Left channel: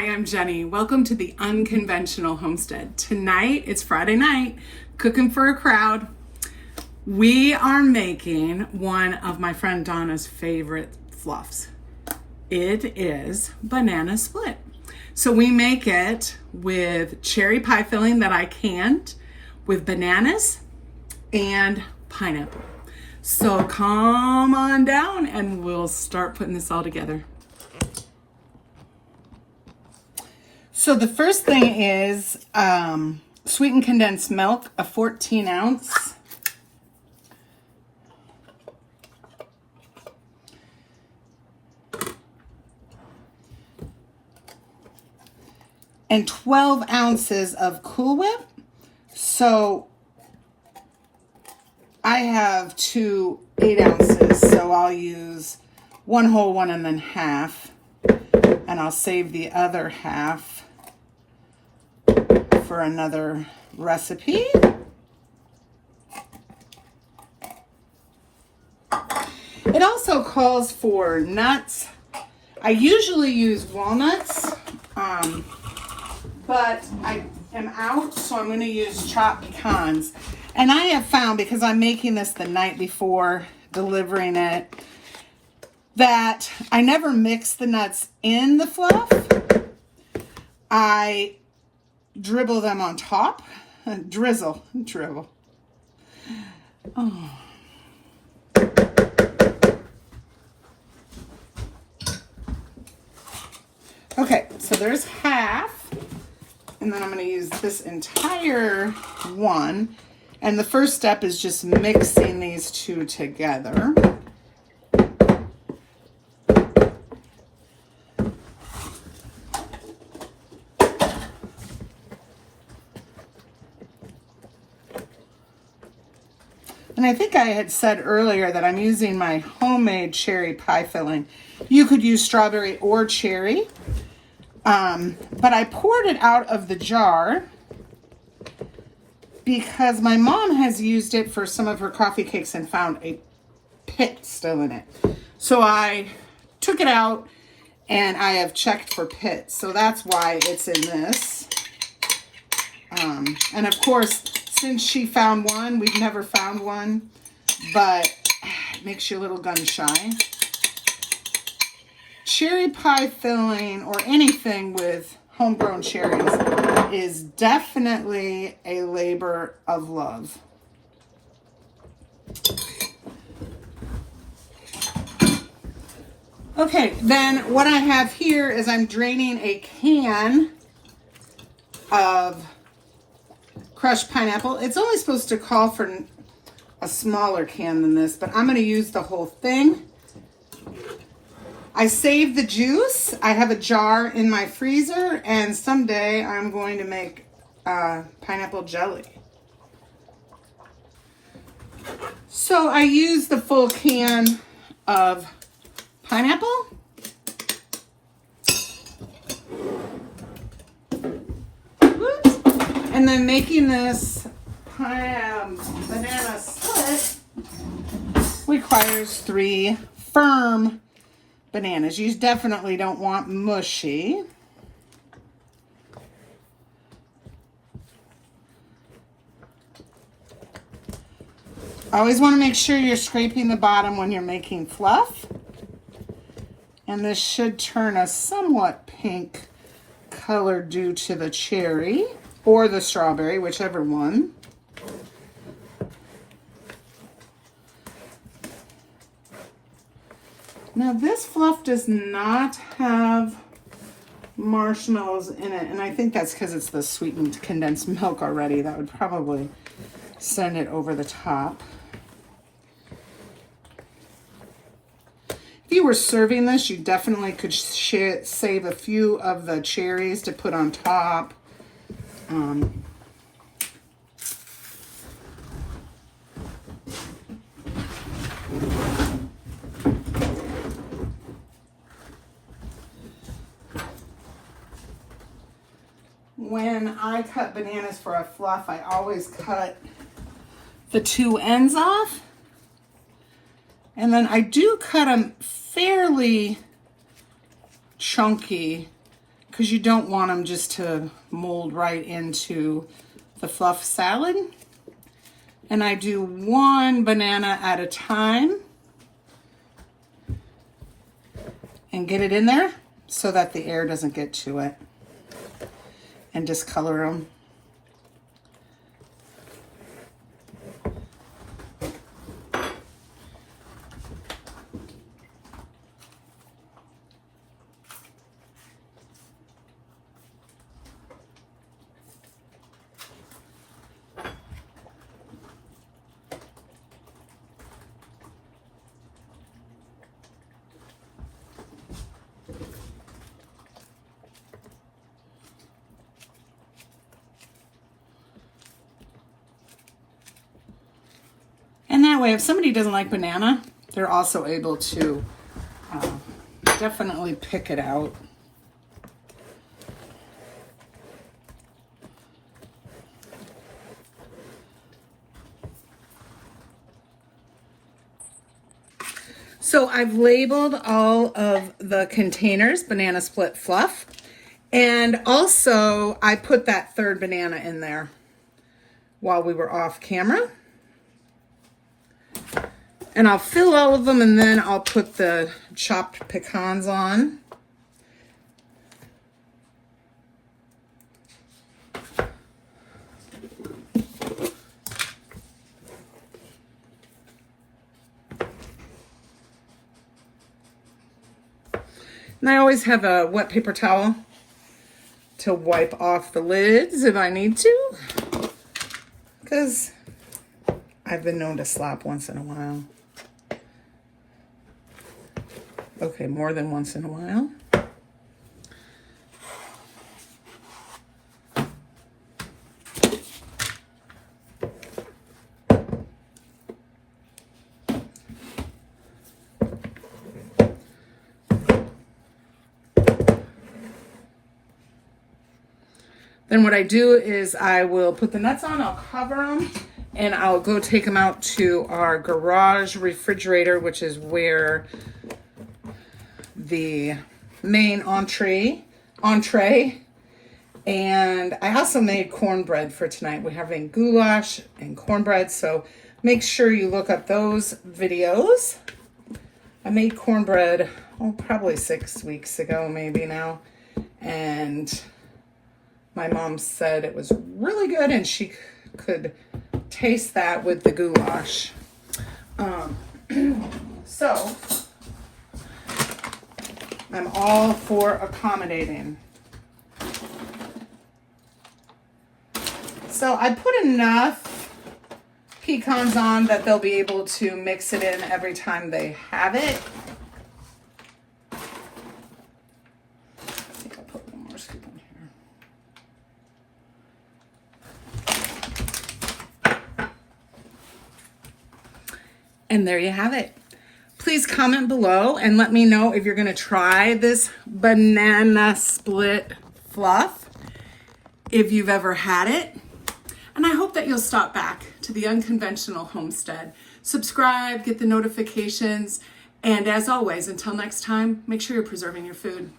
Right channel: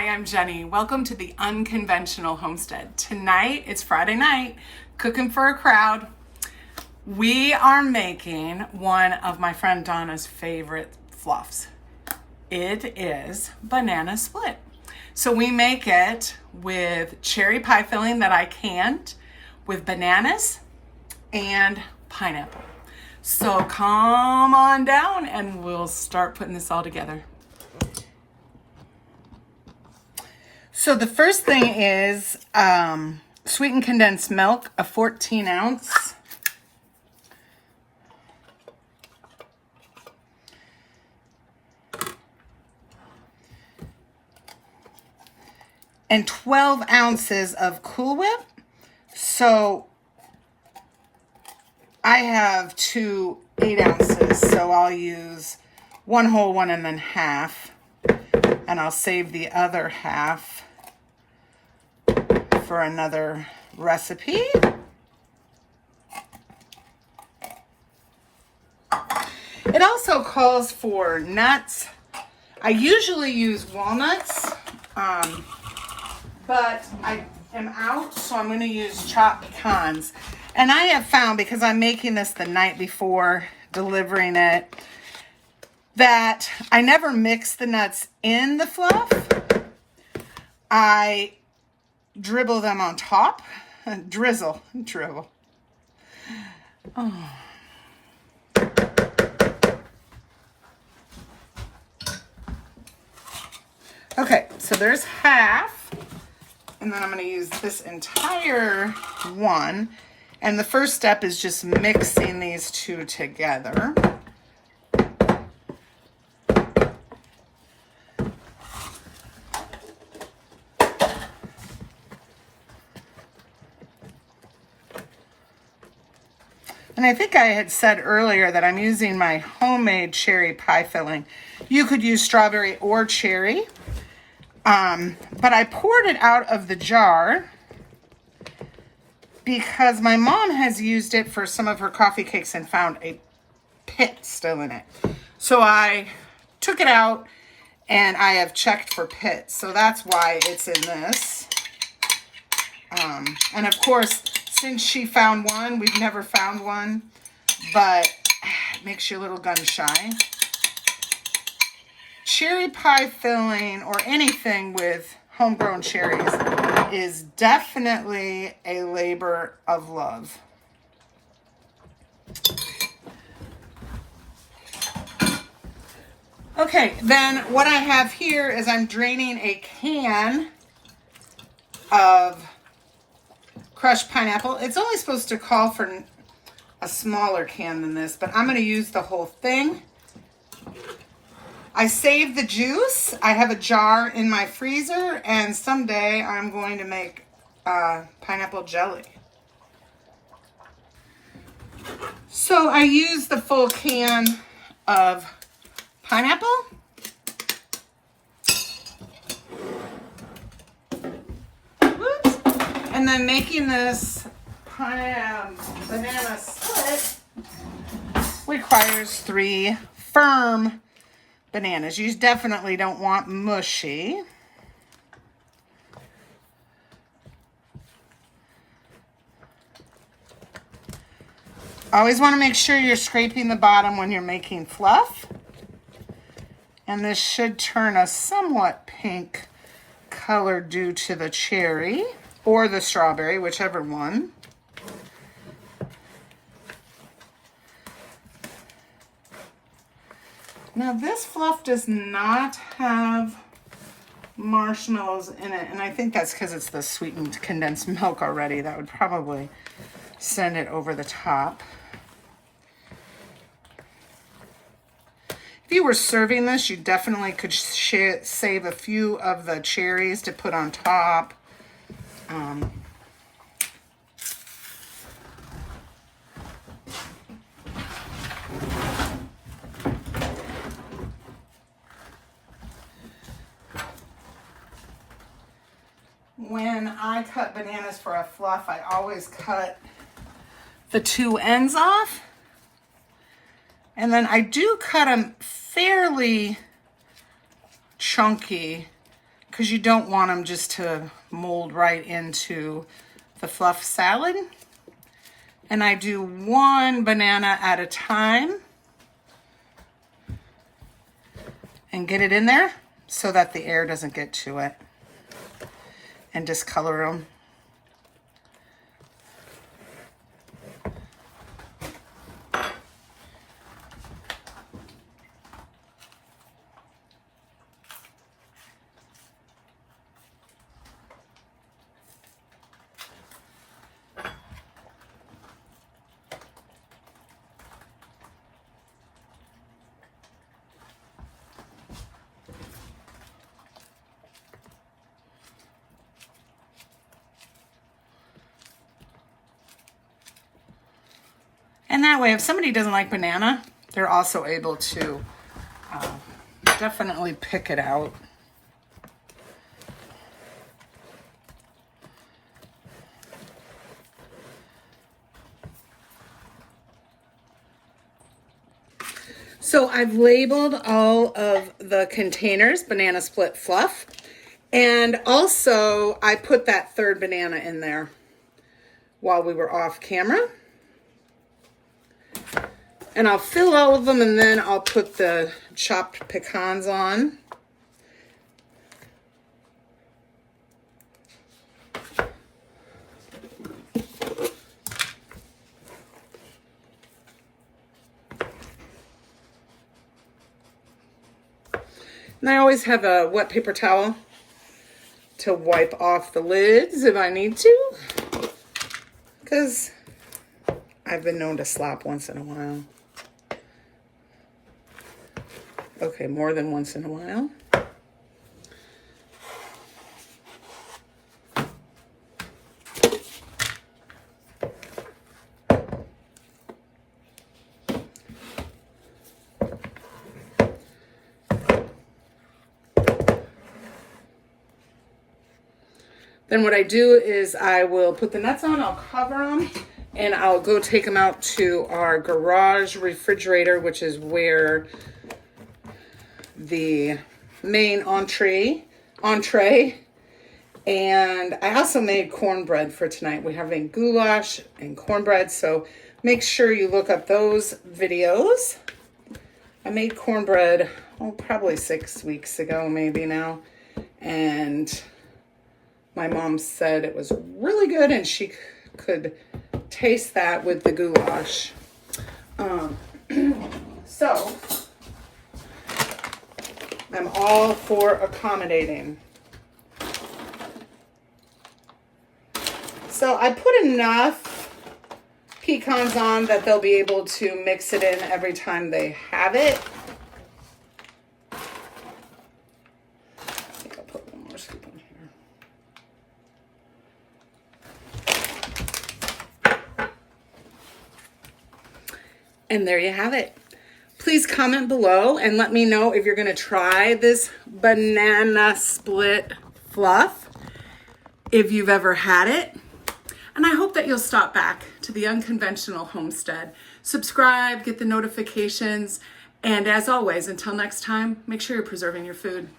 Hi, I'm Jenny. Welcome to the Unconventional Homestead. Tonight, it's Friday night, cooking for a crowd. We are making one of my friend Donna's favorite fluffs. It is banana split. So we make it with cherry pie filling that I canned, with bananas and pineapple. So come on down and we'll start putting this all together. So the first thing is sweetened condensed milk, a 14 ounce. And 12 ounces of Cool Whip. So I have two 8 ounces, so I'll use one whole one and then half. And I'll save the other half for another recipe. It also calls for nuts. I usually use walnuts, but I am out, so I'm going to use chopped pecans. And I have found, because I'm making this the night before delivering it, that I never mix the nuts in the fluff. I dribble them on top. Dribble. Oh. Okay, so there's half. And then I'm going to use this entire one. And the first step is just mixing these two together. And I think I had said earlier that I'm using my homemade cherry pie filling. You could use strawberry or cherry. But I poured it out of the jar because my mom has used it for some of her coffee cakes and found a pit still in it. So I took it out and I have checked for pits. So that's why it's in this. And of course, since she found one, we've never found one, but it makes you a little gun shy. Cherry pie filling or anything with homegrown cherries is definitely a labor of love. Okay, then what I have here is I'm draining a can of crushed pineapple. It's only supposed to call for a smaller can than this, but I'm going to use the whole thing. I saved the juice. I have a jar in my freezer, and someday I'm going to make pineapple jelly. So I used the full can of pineapple. And then making this banana split requires 3 firm bananas. You definitely don't want mushy. Always want to make sure you're scraping the bottom when you're making fluff. And this should turn a somewhat pink color due to the cherry or the strawberry, whichever one. Now this fluff does not have marshmallows in it, and I think that's because it's the sweetened condensed milk already. That would probably send it over the top. If you were serving this, you definitely could save a few of the cherries to put on top. When I cut bananas for a fluff, I always cut the 2 ends off. And then I do cut them fairly chunky because you don't want them just to mold right into the fluff salad. And I do one banana at a time and get it in there so that the air doesn't get to it, and discolor them. And that way, if somebody doesn't like banana, they're also able to definitely pick it out. So I've labeled all of the containers, banana split fluff. And also I put that third banana in there while we were off camera. And I'll fill all of them, and then I'll put the chopped pecans on. And I always have a wet paper towel to wipe off the lids if I need to, because I've been known to slop once in a while. Okay, more than once in a while. Then what I do is I will put the nuts on, I'll cover them, and I'll go take them out to our garage refrigerator, which is where the main entree, and I also made cornbread for tonight. We're having goulash and cornbread, so make sure you look up those videos. I made cornbread, probably 6 weeks ago, maybe now, and my mom said it was really good and she could taste that with the goulash. So I'm all for accommodating. So I put enough pecans on that they'll be able to mix it in every time they have it. I think I'll put one more scoop in here. And there you have it. Please comment below and let me know if you're going to try this banana split fluff, if you've ever had it. And I hope that you'll stop back to the Unconventional Homestead. Subscribe, get the notifications, and as always, until next time, make sure you're preserving your food.